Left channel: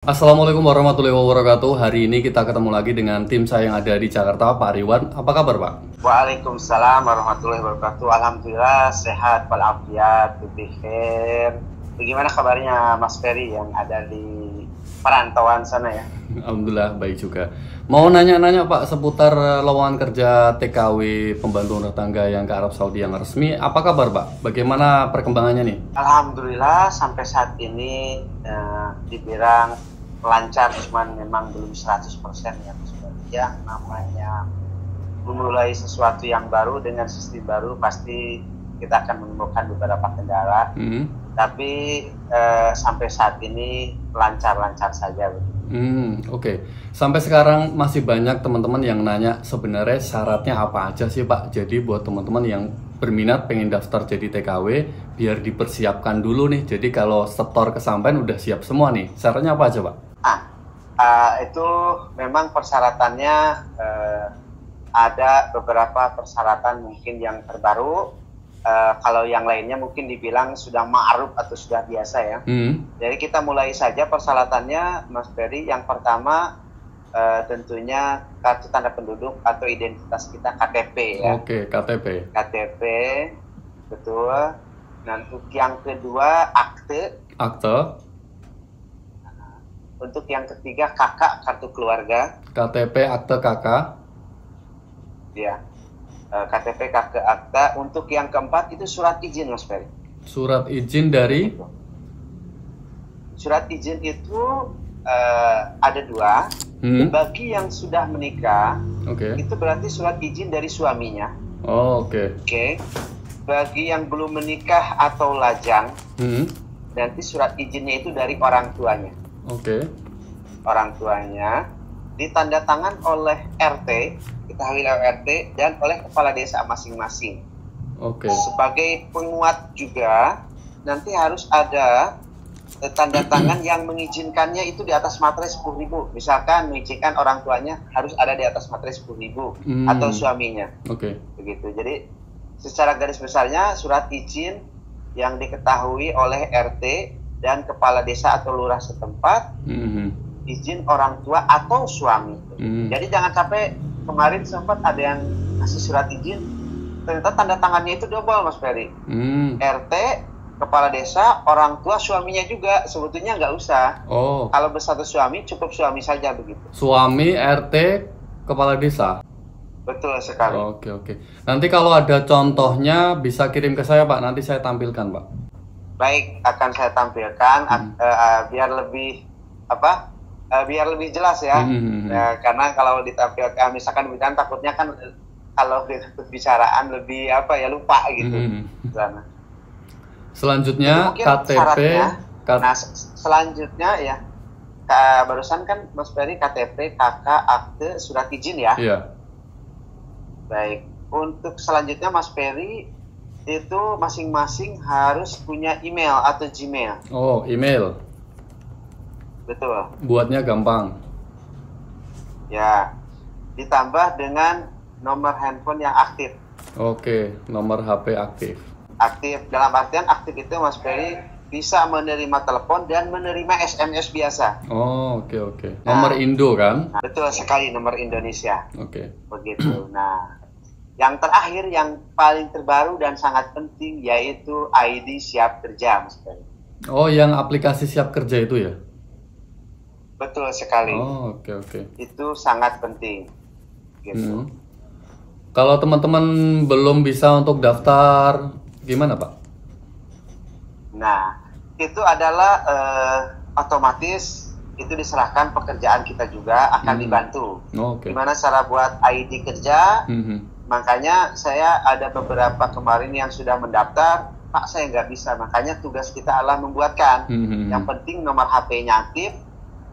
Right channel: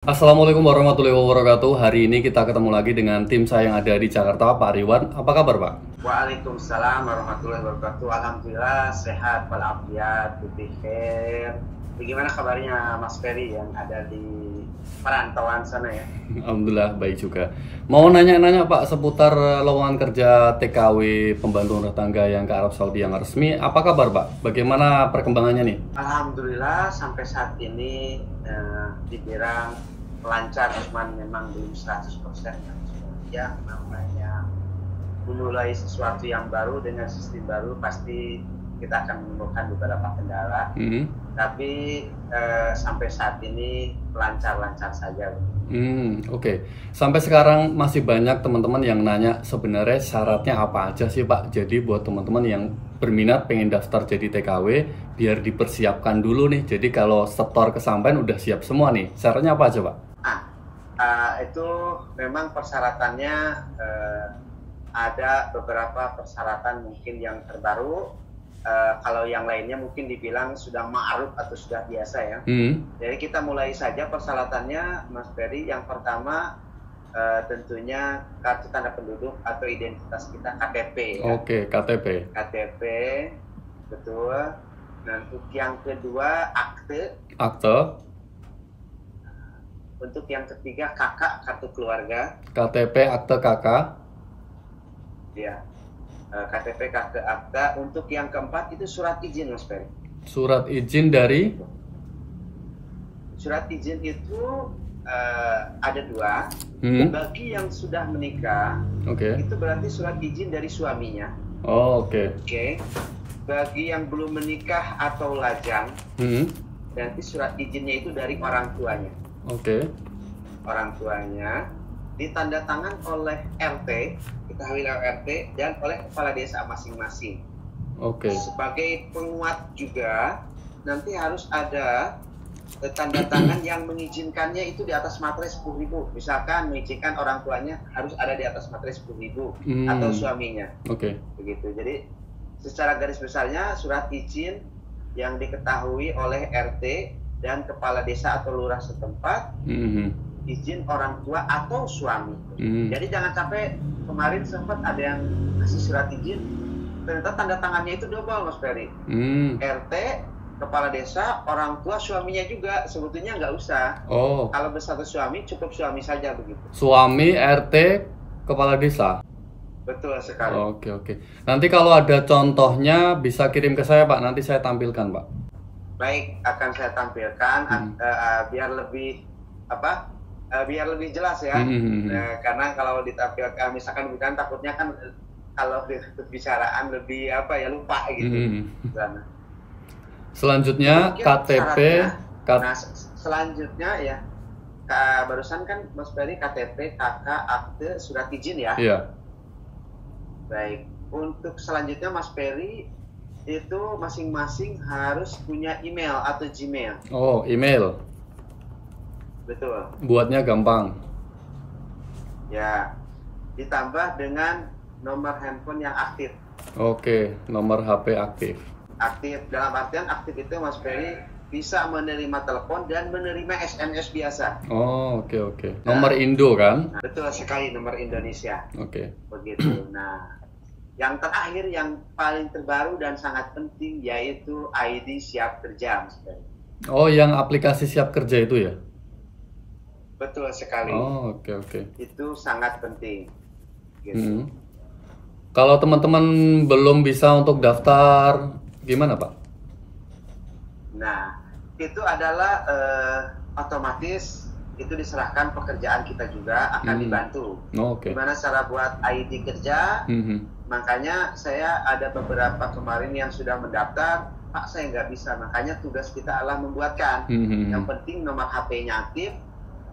Assalamualaikum warahmatullahi wabarakatuh. Hari ini kita ketemu lagi dengan tim saya yang ada di Jakarta, Pak Riwan. Apa kabar, Pak? Waalaikumsalam warahmatullahi wabarakatuh. Alhamdulillah sehat walafiat, bikhair. Bagaimana kabarnya Mas Ferry yang ada di perantauan sana ya? Alhamdulillah baik juga. Mau nanya-nanya Pak seputar lowongan kerja TKW pembantu rumah tangga yang ke Arab Saudi yang resmi. Apa kabar, Pak? Bagaimana perkembangannya nih? Alhamdulillah sampai saat ini dibilang lancar, cuman memang belum 100% ya. Yang namanya memulai sesuatu yang baru dengan sistem baru pasti kita akan menemukan beberapa kendala. Tapi sampai saat ini lancar-lancar saja. Oke. Sampai sekarang masih banyak teman-teman yang nanya sebenarnya syaratnya apa aja sih, Pak? Jadi buat teman-teman yang berminat pengen daftar jadi TKW, biar dipersiapkan dulu nih. Jadi kalau setor kesampaian udah siap semua nih. Syaratnya apa aja, Pak? Itu memang persyaratannya ada beberapa persyaratan mungkin yang terbaru. Kalau yang lainnya mungkin dibilang sudah ma'ruf atau sudah biasa ya. Jadi kita mulai saja persyaratannya, Mas Ferry. Yang pertama tentunya kartu tanda penduduk atau identitas kita, KTP ya. Oke, KTP. KTP, betul. Nah, untuk yang kedua akte. Untuk yang ketiga KK, kartu keluarga. KTP, akte, KK. Ya. KTP, KK, akta. Untuk yang keempat itu surat izin, Mas Ferry. Surat izin dari? Surat izin itu ada dua. Bagi yang sudah menikah, itu berarti surat izin dari suaminya. Oke. Bagi yang belum menikah atau lajang, nanti surat izinnya itu dari orang tuanya. Orang tuanya ditanda tangan oleh RT, ketahui oleh RT dan oleh kepala desa masing-masing. Sebagai penguat juga nanti harus ada tanda tangan yang mengizinkannya itu di atas materai 10.000. Misalkan mengizinkan orang tuanya harus ada di atas materai 10.000 atau suaminya. Begitu. Jadi secara garis besarnya surat izin yang diketahui oleh RT dan kepala desa atau lurah setempat, izin orang tua atau suami. Jadi jangan sampai kemarin sempat ada yang kasih surat izin, ternyata tanda tangannya itu double, Mas Ferry. RT, kepala desa, orang tua, suaminya juga. Sebetulnya nggak usah. Kalau bersatu suami, cukup suami saja begitu. Suami, RT, kepala desa. Betul sekali. Oke. Nanti kalau ada contohnya bisa kirim ke saya, Pak. Nanti saya tampilkan, Pak. Baik, akan saya tampilkan biar lebih biar lebih jelas ya. Karena kalau ditampilkan misalkan takutnya kan kalau di pembicaraan lebih lupa gitu. Selanjutnya KTP. Nah, selanjutnya ya barusan kan Mas Ferry KTP, KK, akte, surat izin ya. Iya. Baik, untuk selanjutnya Mas Ferry itu masing-masing harus punya email atau Gmail. Email. Betul. Buatnya gampang. Ya, ditambah dengan nomor handphone yang aktif. Nomor HP aktif. Aktif, dalam artian aktif itu Mas Ferry bisa menerima telepon dan menerima SMS biasa. Nomor Indo kan? Betul sekali, nomor Indonesia. Begitu. Nah, yang terakhir yang paling terbaru dan sangat penting yaitu ID siap kerja, Mas Ferry. Yang aplikasi siap kerja itu ya? Betul sekali. Itu sangat penting. Gitu. Kalau teman-teman belum bisa untuk daftar, gimana, Pak? Nah, itu adalah otomatis itu diserahkan pekerjaan kita juga akan dibantu. Gimana cara buat ID kerja? Makanya saya ada beberapa kemarin yang sudah mendaftar, Pak saya nggak bisa. Makanya tugas kita adalah membuatkan. Yang penting nomor HP-nya aktif,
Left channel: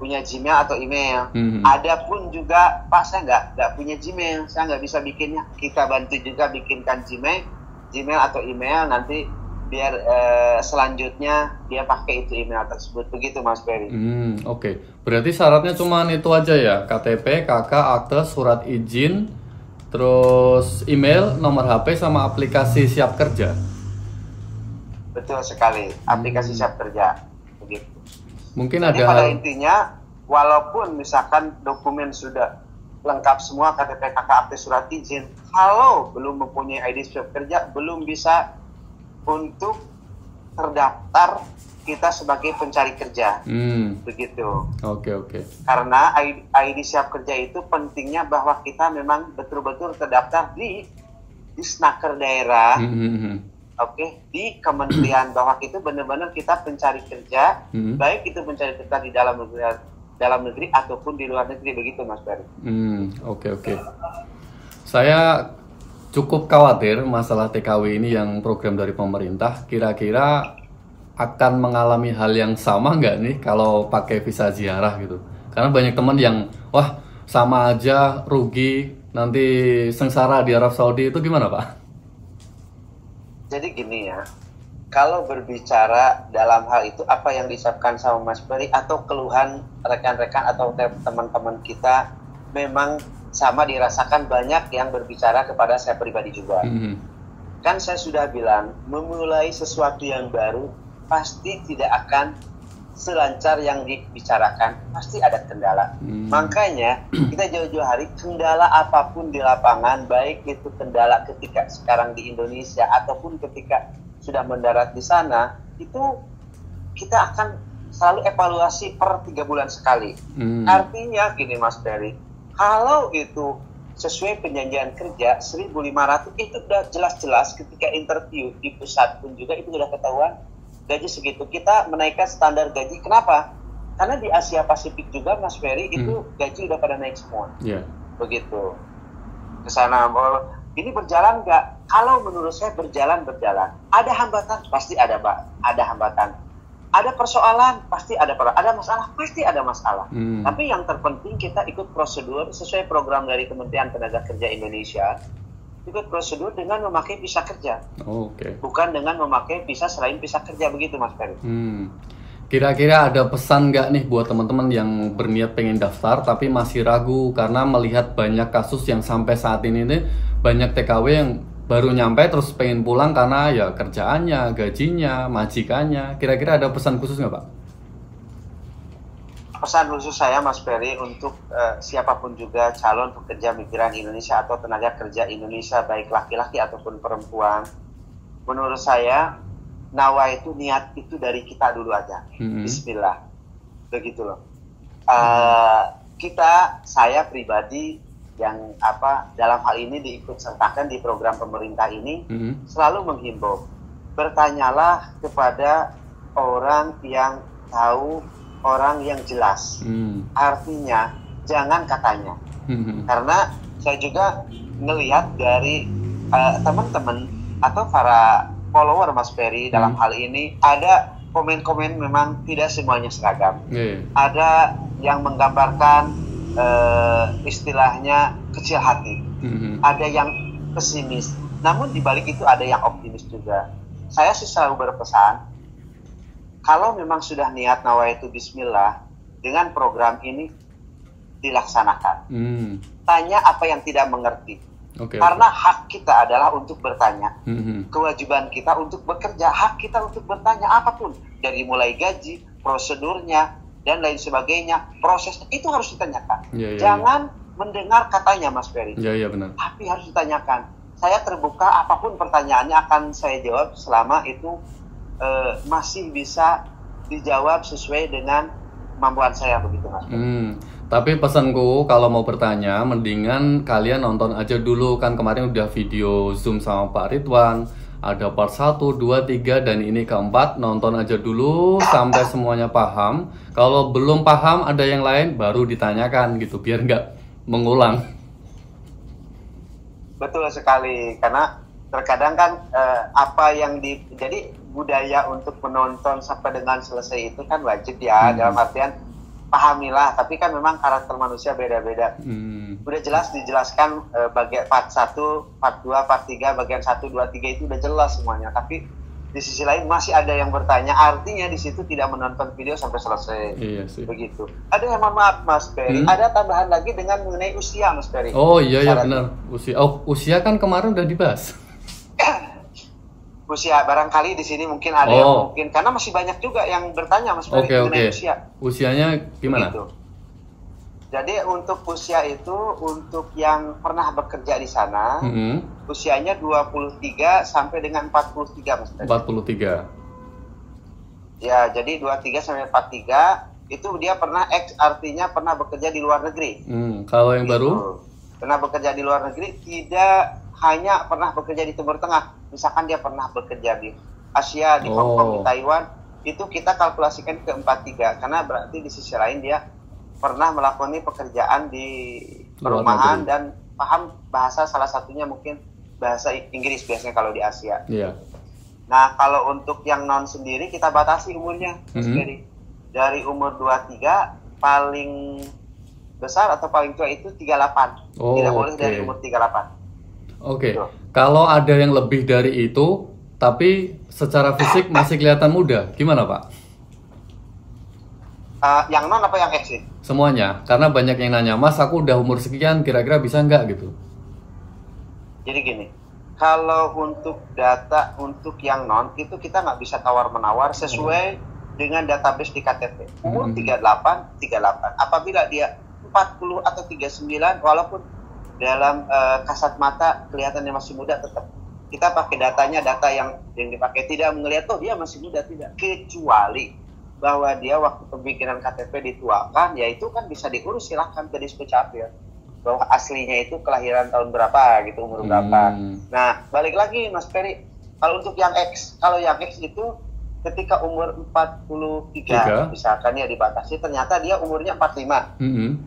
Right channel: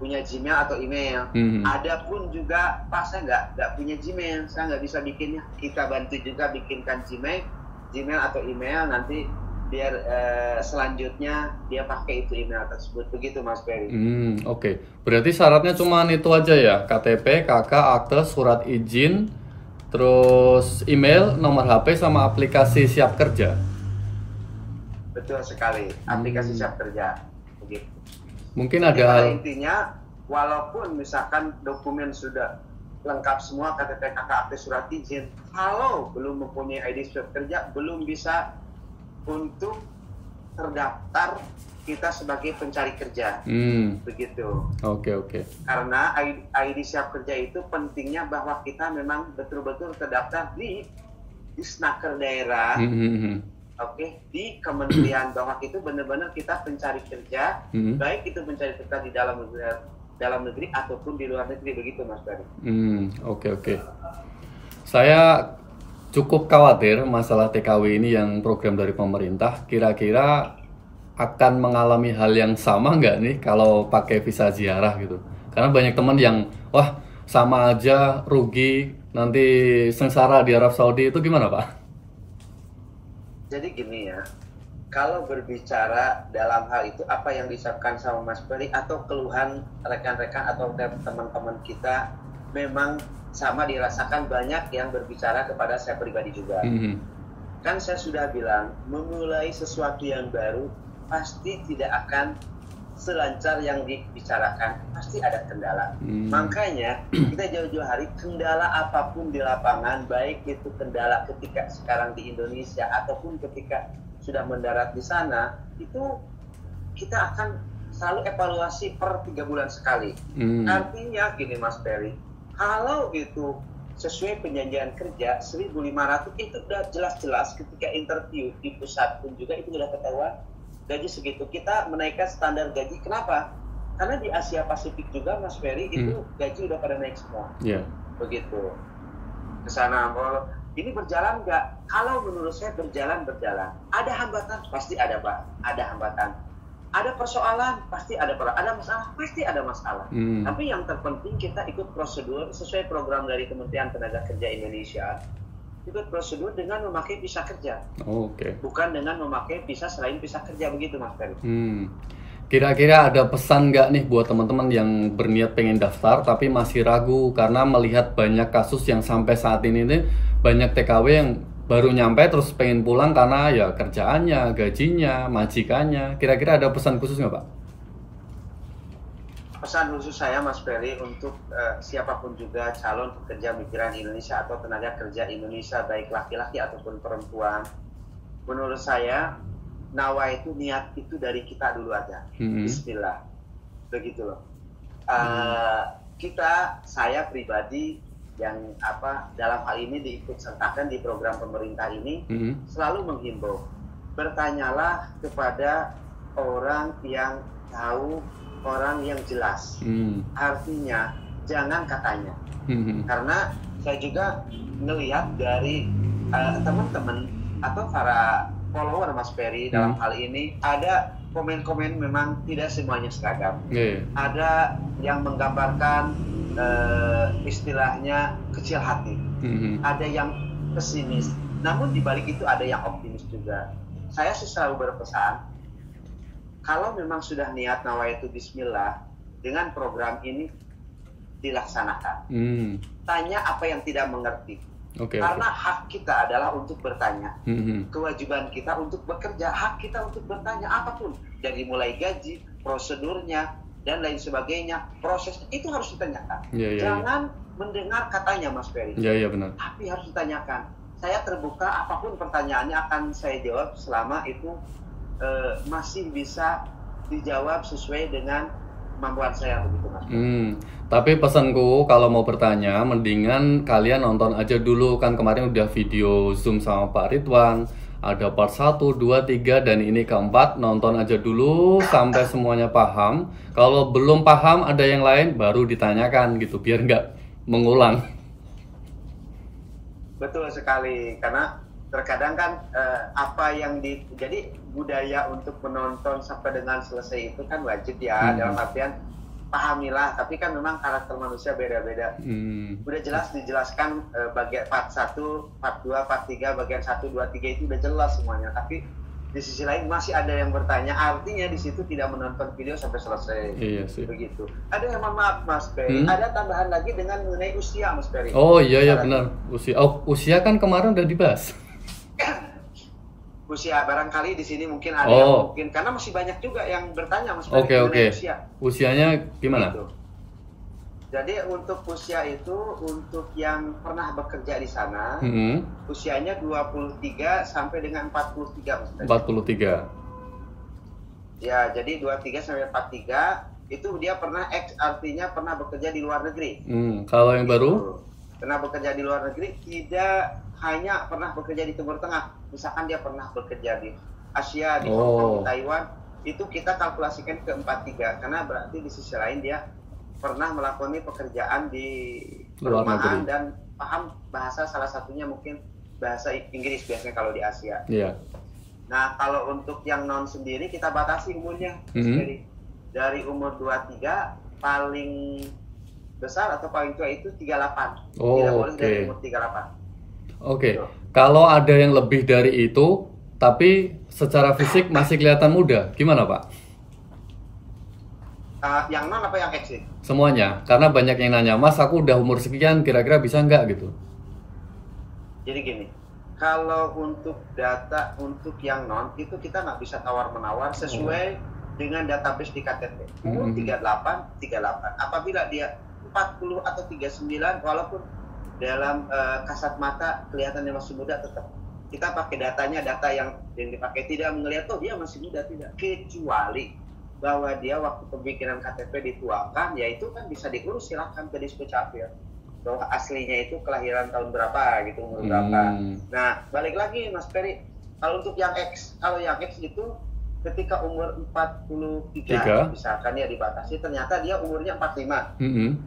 punya Gmail atau email. Ada pun juga, Pak saya nggak punya Gmail, saya nggak bisa bikinnya. Kita bantu juga bikinkan Gmail atau email, nanti biar selanjutnya dia pakai itu email tersebut. Begitu Mas Ferry. Berarti syaratnya cuma itu aja ya? KTP, KK, akte, surat izin, terus email, nomor HP, sama aplikasi siap kerja. Betul sekali, aplikasi siap kerja. Begitu. Mungkin jadi ada pada intinya, walaupun misalkan dokumen sudah lengkap semua, KTP, KK, akte, surat izin, kalau belum mempunyai ID surat kerja, belum bisa untuk terdaftar kita sebagai pencari kerja. Begitu. Oke. Karena ID siap kerja itu pentingnya bahwa kita memang betul-betul terdaftar di Snaker daerah. Oke, di kementerian bahwa itu benar-benar kita pencari kerja, baik itu pencari kerja di dalam negeri ataupun di luar negeri, begitu Mas Ferry. Oke. Saya cukup khawatir masalah TKW ini yang program dari pemerintah. Kira-kira akan mengalami hal yang sama nggak nih kalau pakai visa ziarah gitu? Karena banyak teman yang wah sama aja, rugi, nanti sengsara di Arab Saudi, itu gimana Pak? Jadi gini ya, kalau berbicara dalam hal itu apa yang disampaikan sama Mas Ferry atau keluhan rekan-rekan atau teman-teman kita memang sama dirasakan banyak yang berbicara kepada saya pribadi juga. Kan saya sudah bilang, memulai sesuatu yang baru pasti tidak akan selancar yang dibicarakan, pasti ada kendala. Makanya kita jauh-jauh hari, kendala apapun di lapangan, baik itu kendala ketika sekarang di Indonesia ataupun ketika sudah mendarat di sana, itu kita akan selalu evaluasi per 3 bulan sekali. Artinya gini Mas Ferry, kalau itu sesuai perjanjian kerja 1.500 itu udah jelas-jelas ketika interview di pusat pun juga itu udah ketahuan gaji segitu. Kita menaikkan standar gaji. Kenapa? Karena di Asia Pasifik juga Mas Ferry itu gaji udah pada naik semua. Begitu. Kesana ini berjalan nggak? Kalau menurut saya berjalan. Ada hambatan? Pasti ada Pak. Ada hambatan. Ada persoalan? Pasti ada persoalan. Ada masalah? Pasti ada masalah. Tapi yang terpenting kita ikut prosedur sesuai program dari Kementerian Tenaga Kerja Indonesia. Ikut prosedur dengan memakai visa kerja. Bukan dengan memakai visa selain visa kerja, begitu Mas Ferry. Kira-kira ada pesan nggak nih buat teman-teman yang berniat pengen daftar tapi masih ragu karena melihat banyak kasus yang sampai saat ini nih banyak TKW yang baru nyampe terus pengen pulang karena ya kerjaannya, gajinya, majikannya. Kira-kira ada pesan khusus nggak Pak? Pesan khusus saya Mas Ferry untuk siapapun juga calon pekerja migran Indonesia atau tenaga kerja Indonesia, baik laki-laki ataupun perempuan, menurut saya nawa itu, niat itu dari kita dulu aja. Bismillah, begitu loh. Saya pribadi yang dalam hal ini diikut sertakan di program pemerintah ini, selalu menghimbau, bertanyalah kepada orang yang tahu, orang yang jelas. Artinya jangan katanya. Karena saya juga ngelihat dari teman-teman atau para follower Mas Ferry dalam hal ini, ada komen-komen memang tidak semuanya seragam. Ada yang menggambarkan istilahnya kecil hati. Ada yang pesimis. Namun di balik itu ada yang optimis juga. Saya sih selalu berpesan, kalau memang sudah niat nawaitu bismillah, dengan program ini dilaksanakan. Tanya apa yang tidak mengerti. Karena hak kita adalah untuk bertanya. Kewajiban kita untuk bekerja, hak kita untuk bertanya apapun. Dari mulai gaji, prosedurnya, dan lain sebagainya. Prosesnya itu harus ditanyakan. Jangan mendengar katanya Mas Ferry. Benar. Tapi harus ditanyakan. Saya terbuka, apapun pertanyaannya akan saya jawab selama itu masih bisa dijawab sesuai dengan kemampuan saya, begitu Mas. Tapi pesanku kalau mau bertanya mendingan kalian nonton aja dulu, kan kemarin udah video Zoom sama Pak Ridwan, ada part 1, 2, 3 dan ini keempat. Nonton aja dulu sampai semuanya paham. Kalau belum paham ada yang lain baru ditanyakan gitu biar nggak mengulang. Betul sekali, karena terkadang kan jadi budaya untuk menonton sampai dengan selesai itu kan wajib ya, dalam artian pahamilah, tapi kan memang karakter manusia beda-beda. Udah jelas dijelaskan bagian part 1, part 2, part 3, bagian 1, 2, 3 itu udah jelas semuanya, tapi di sisi lain masih ada yang bertanya, artinya di situ tidak menonton video sampai selesai. Iya sih. Begitu. Ada yang maaf Mas Ferry, ada tambahan lagi dengan mengenai usia Mas Ferry. Oh iya benar, usia. Oh, usia kan kemarin udah dibahas. usia. Barangkali di sini mungkin ada yang mungkin, karena masih banyak juga yang bertanya Mas Ferry mengenai usia. Usianya gimana? Gitu. Jadi untuk usia itu, untuk yang pernah bekerja di sana, usianya 23 sampai dengan 43 Mas Ferry. 43. Ya, jadi 23 sampai 43 itu dia pernah artinya pernah bekerja di luar negeri. Kalau yang baru? Pernah bekerja di luar negeri, tidak hanya pernah bekerja di Timur Tengah. Misalkan dia pernah bekerja di Asia, di Hong Kong, di Taiwan, itu kita kalkulasikan ke 43 karena berarti di sisi lain dia pernah melakukan pekerjaan di perumahan dan paham bahasa, salah satunya mungkin bahasa Inggris biasanya kalau di Asia. Iya. Nah, kalau untuk yang non sendiri kita batasi umurnya. Dari umur 23 paling besar atau paling tua itu 38. Tidak boleh dari umur 38. Oke. Kalau ada yang lebih dari itu tapi secara fisik masih kelihatan muda, gimana Pak? Yang non apa yang X sih? Semuanya, karena banyak yang nanya, Mas aku udah umur sekian, kira-kira bisa nggak gitu? Jadi gini, kalau untuk data untuk yang non itu kita nggak bisa tawar-menawar sesuai dengan database di KTP. Umur 38. Apabila dia 40 atau 39, walaupun dalam kasat mata kelihatannya masih muda, tetap kita pakai data yang dipakai, tidak melihat dia masih muda, tidak, kecuali bahwa dia waktu pembikinan KTP dituakan, ya itu kan bisa diurus, silahkan ke Dispecapil bahwa aslinya itu kelahiran tahun berapa gitu, umur berapa. Nah, balik lagi Mas Ferry, kalau untuk yang X, kalau yang X itu ketika umur 43 misalkan ya dibatasi, ternyata dia umurnya 45.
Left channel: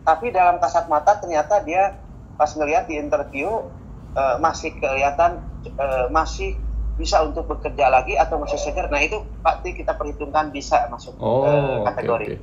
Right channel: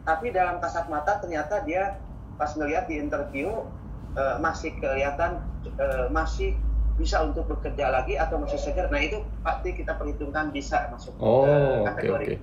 Tapi dalam kasat mata ternyata dia pas ngelihat di interview masih kelihatan masih bisa untuk bekerja lagi atau masih segar. Nah itu pasti kita perhitungkan bisa masuk kategori.